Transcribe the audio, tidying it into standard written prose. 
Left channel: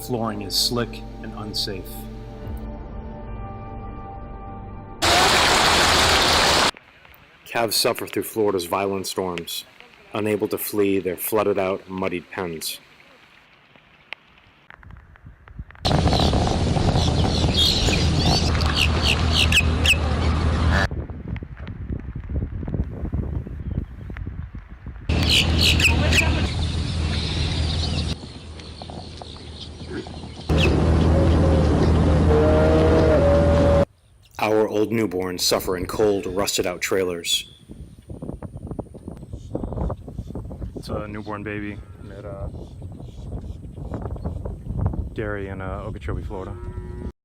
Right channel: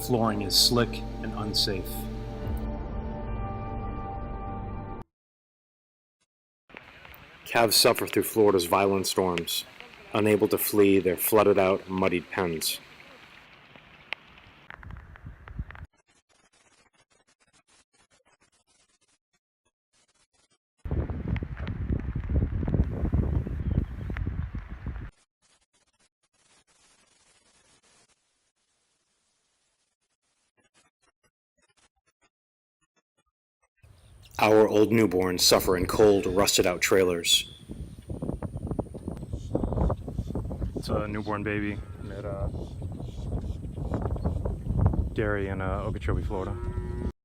Flooring is slick and unsafe. Calves suffer through Florida's violent storms. Unable to flee their flooded-out, muddied pens. Our old newborns suffer in cold, rusted-out trailers. It's a newborn baby at dairy in Okeechobee, Florida.